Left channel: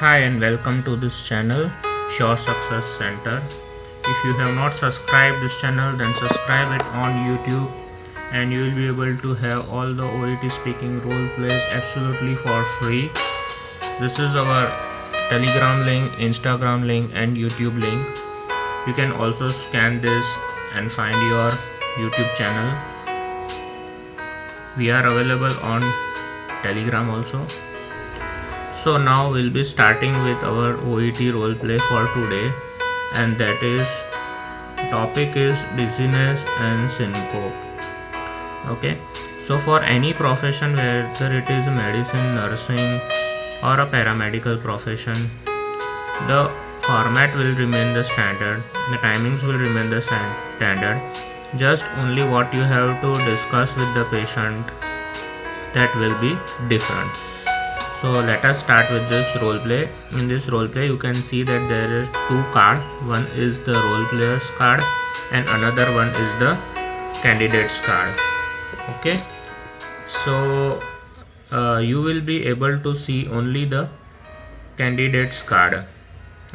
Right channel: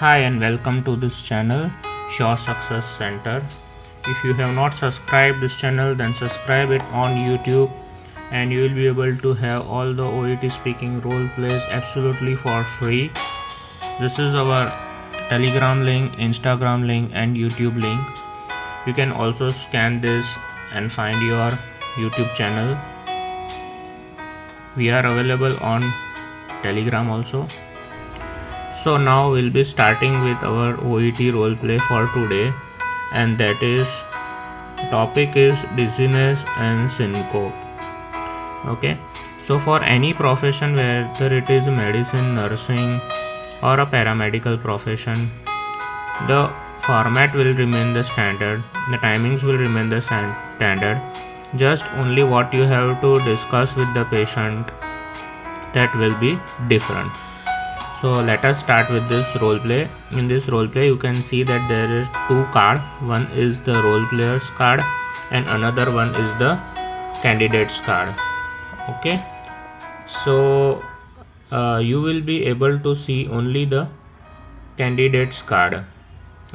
Hi and welcome to this channel, Sure Success Center. If you have not subscribed this channel, then subscribe it on YouTube and you will be able to have all the OET speaking role plays absolutely for free. This is our Telegram link, Instagram link and YouTube link. You can also scan this and find your YouTube channel. We are available on Telegram also. So now we'll be starting with our OET roleplay for today, and that is topic is dizziness and syncope. Okay, so for any profession, whether it is medicine, nursing or a paramedical profession, the format will remain the standard, the timings will remain the standard, just only what you have to discuss with the patient that will be different. So let us start with this role play. In this role play, you can see that there is two cards. One is the role player's card and another one is the candidate's card. Okay, so you will be able to see only the candidate's card.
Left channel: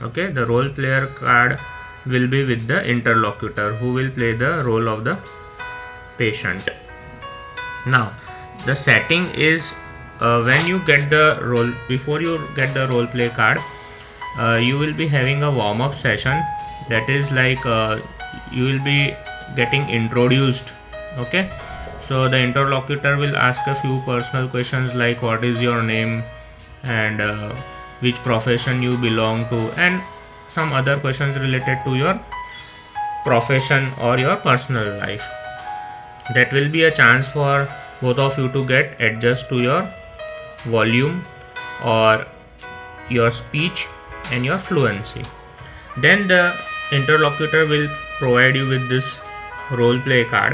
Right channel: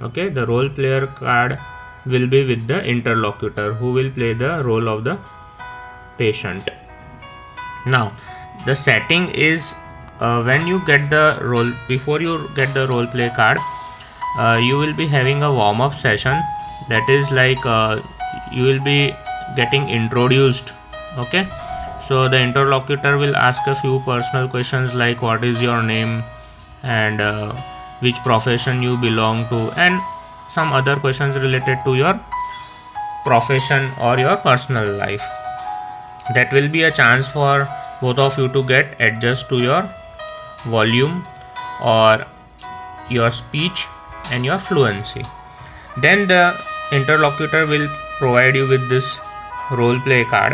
Okay, the role player card will be with the interlocutor who will play the role of the patient. Now the setting is, when you get the role, before you get the role play card, you will be having a warm-up session. That is like you will be getting introduced. Okay, so the interlocutor will ask a few personal questions like what is your name and which profession you belong to, and some other questions related to your profession or your personal life. That will be a chance for both of you to get adjust to your volume or your speech and your fluency. Then the interlocutor will provide you with this role play card.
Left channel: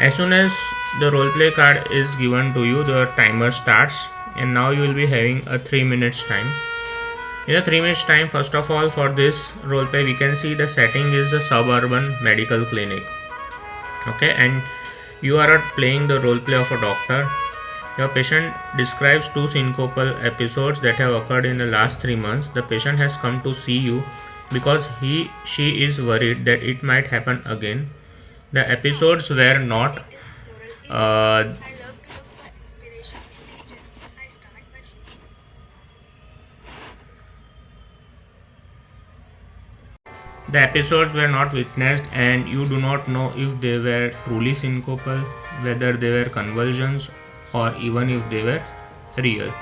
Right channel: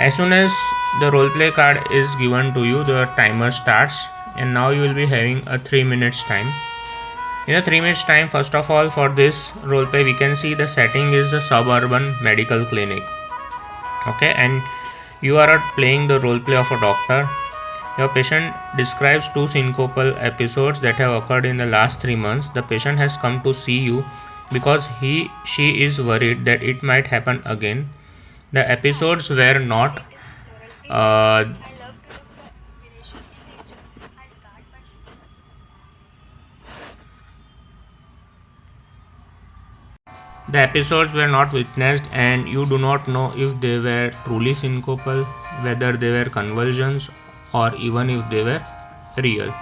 As soon as the role play card is given to you, the timer starts, and now you will be having a 3 minutes time. In a 3 minutes time, first of all, for this role play, we can see the setting is a suburban medical clinic. Okay, and you are playing the role play of a doctor. Your patient describes two syncopal episodes that have occurred in the last 3 months. The patient has come to see you because she is worried that it might happen again. The episodes were not the episodes were not witnessed, and you do not know if they were truly syncopal, whether they were convulsions, or even if they were real.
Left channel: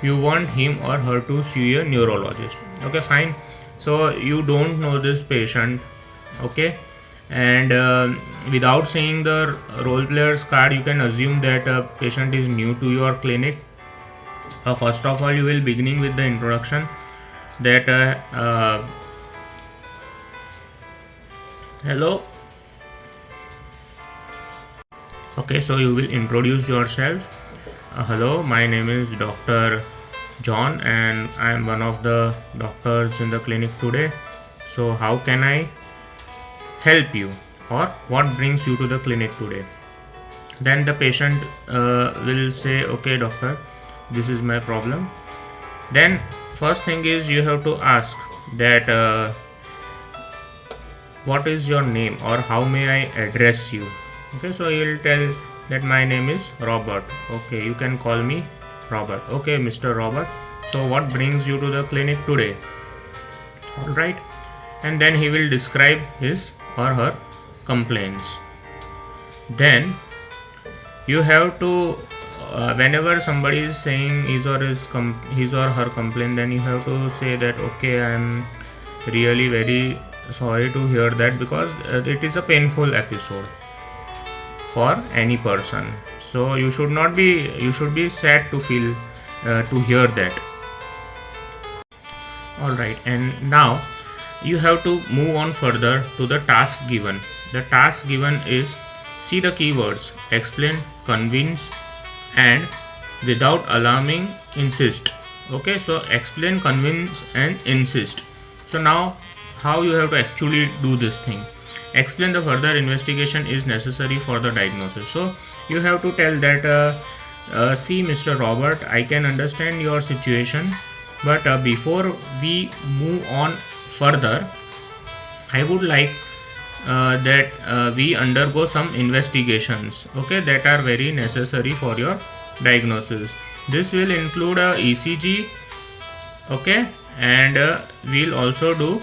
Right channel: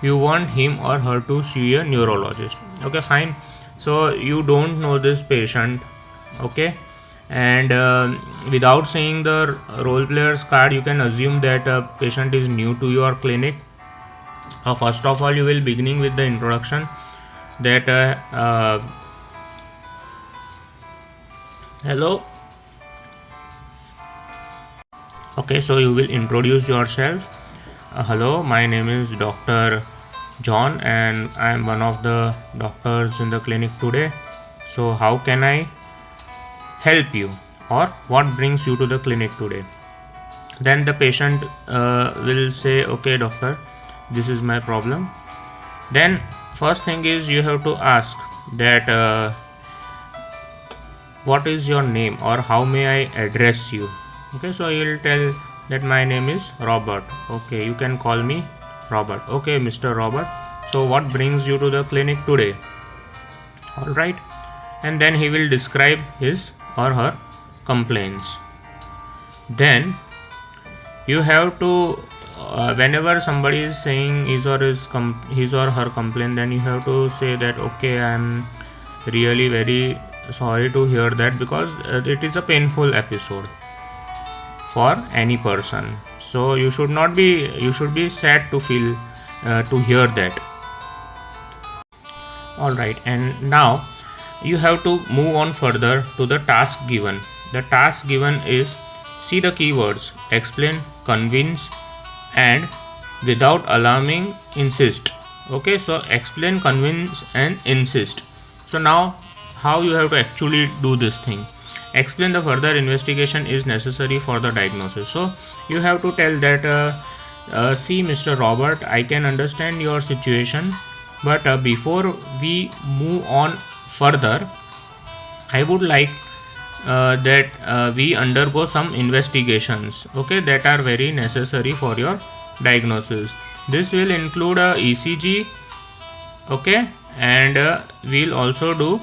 You want him or her to see a neurologist. Okay, fine. So you don't know this patient. Okay, and without seeing the role player's card, you can assume that a patient is new to your clinic. First of all, you will beginning with the introduction that hello. Okay, so you will introduce yourself. Hello, my name is Dr. John and I am one of the doctors in the clinic today. So how can I help you, or what brings you to the clinic today? Then the patient will say, okay doctor, this is my problem. Then first thing is you have to ask that what is your name or how may I address you. Okay, so you will tell that my name is Robert. Okay, you can call me Robert. Okay, Mr. Robert, so what brings you to the clinic today? All right, and then he will describe his or her complaints. Then you have to whenever somebody is saying his or her complaint, then you have to say that okay, I'm really very sorry to hear that, because it is a painful episode for any person. So you should be sad to feel to hear that. All right, and now you have to move on further to the task given. The task given is, see the keywords, explain, convince, and without alarming, insist. Okay, so explain, convince and insist. So now how you have to actually do this thing. Explain the further investigation is necessary for the diagnosis. So you have to tell that see Mr. Robert, I can understand your situation, But before we move on further, I would like that we undergo some investigations, okay, that are very necessary for your diagnosis. This will include a ECG, okay, and we'll also do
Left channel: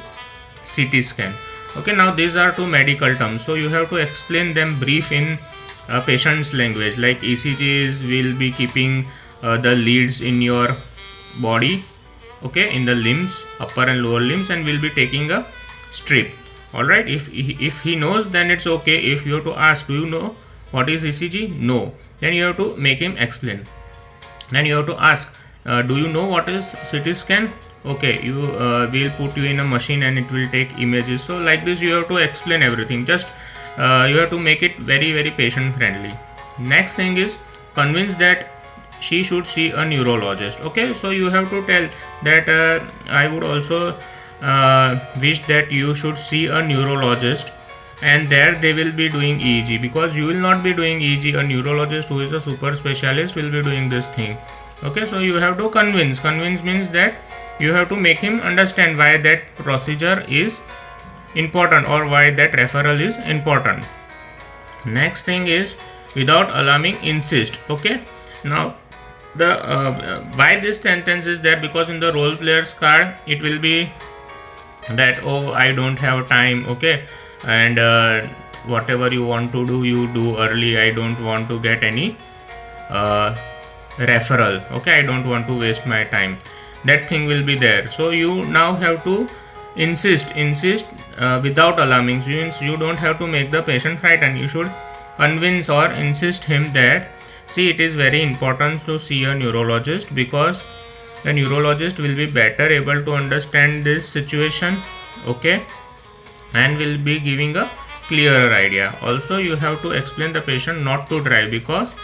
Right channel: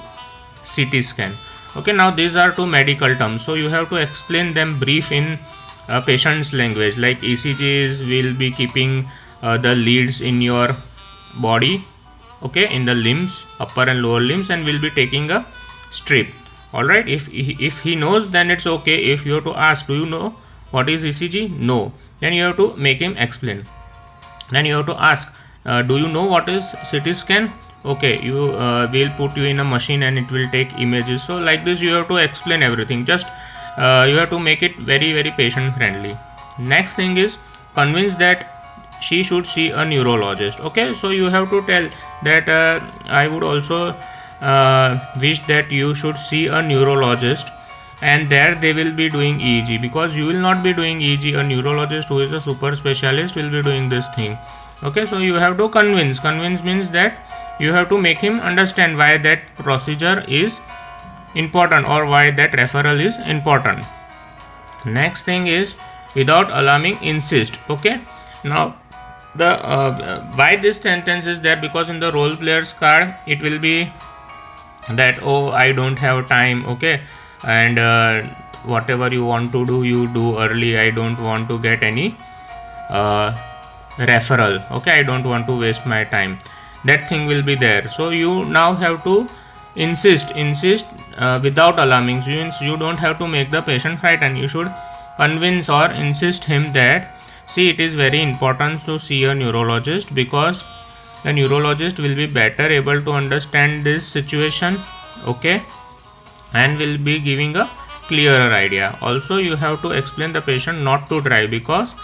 CT scan. Okay, now these are two medical terms, so you have to explain them brief in patient's language. Like ECGs will be keeping the leads in your body, okay, in the limbs, upper and lower limbs, and will be taking a strip. All right, if he knows, then it's okay. If you have to ask, do you know what is ECG? No. Then you have to make him explain. Then you have to ask, do you know what is CT scan? Okay, you will put you in a machine and it will take images. So like this you have to explain everything. Just you have to make it very patient friendly. Next thing is convince that she should see a neurologist. Okay, so you have to tell that I would also wish that you should see a neurologist, and there they will be doing EEG, because you will not be doing EEG. A neurologist who is a super specialist will be doing this thing. Okay, so you have to convince means that you have to make him understand why that procedure is important or why that referral is important. Next thing is, without alarming, insist. Okay, now the why this sentence is there, because in the role player's card it will be that, oh, I don't have time, okay, and whatever you want to do, you do early. I don't want to get any referral, okay, I don't want to waste my time. That thing will be there. So you now have to insist without alarming. Means you don't have to make the patient frightened. You should convince or insist him that, see, it is very important to see a neurologist, because the neurologist will be better able to understand this situation, okay, and will be giving a clearer idea. Also, you have to explain the patient not to drive, because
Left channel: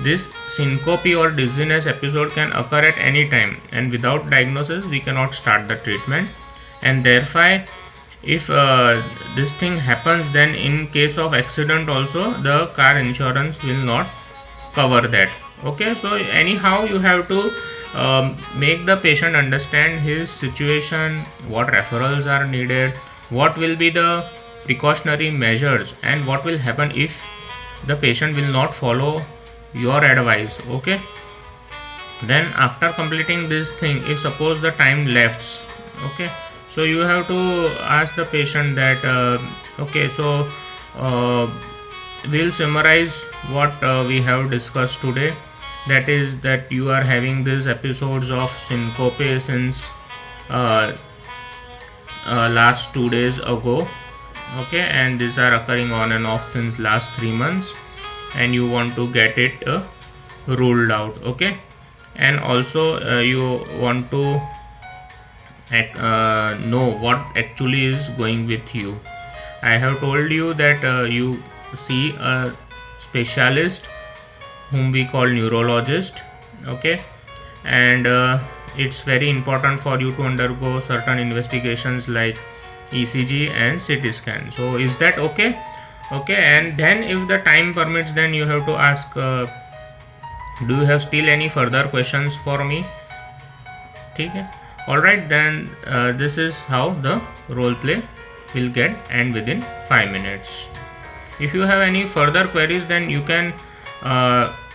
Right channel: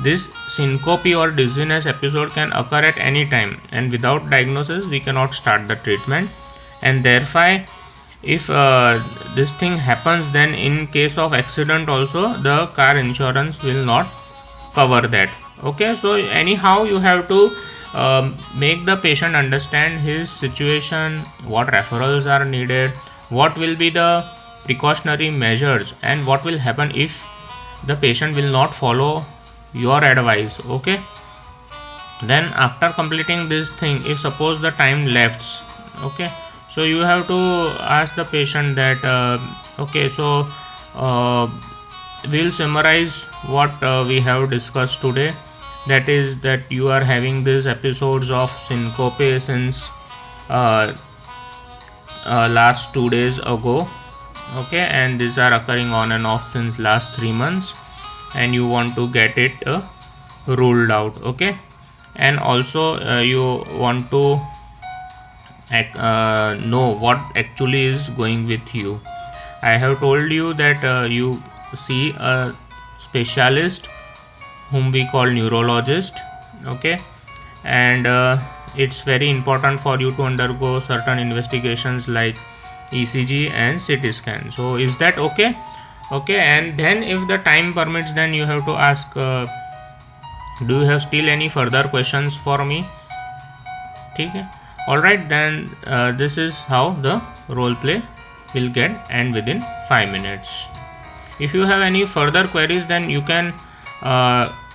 this syncope or dizziness episode can occur at any time, and without diagnosis we cannot start the treatment. And therefore, if this thing happens, then in case of accident also the car insurance will not cover that. Okay, so anyhow you have to make the patient understand his situation, what referrals are needed, what will be the precautionary measures, and what will happen if the patient will not follow your advice. Okay, then after completing this thing, if suppose the time left, okay, so you have to ask the patient that okay, so we'll summarize what we have discussed today. That is that you are having these episodes of syncope since last 2 days ago, okay, and these are occurring on and off since last 3 months, and you want to get it ruled out. Okay, and also you want to know what actually is going with you. I have told you that you see a specialist whom we call neurologist, okay, and it's very important for you to undergo certain investigations like ECG and CT scan. So is that okay? Okay, and then if the time permits, then you have to ask, do you have still any further questions for me? Okay, alright, then this is how the role play will get end within 5 minutes. If you have any further queries, then you can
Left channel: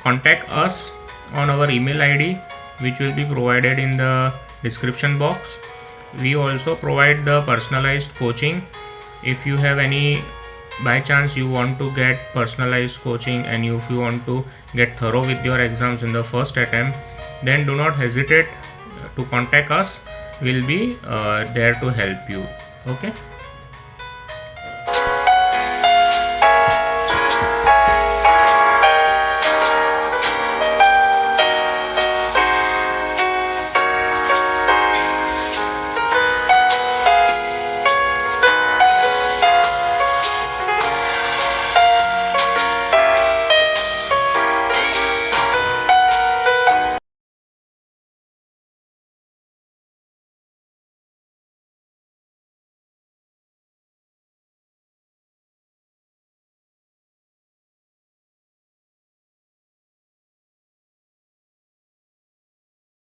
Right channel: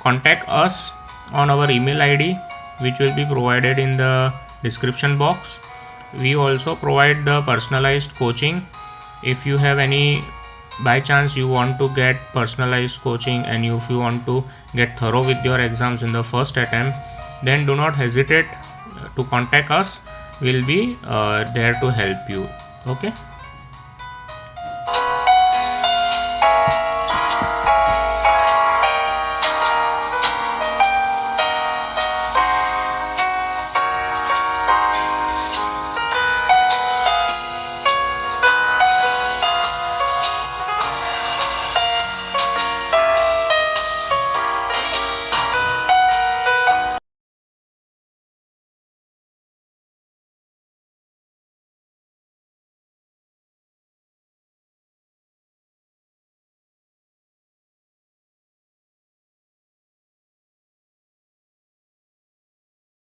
contact us on our email ID, which will be provided in the description box. We also provide the personalized coaching. If you have any, by chance you want to get personalized coaching, and if you want to get thorough with your exams in the first attempt, then do not hesitate to contact us. We'll be there to help you. Okay.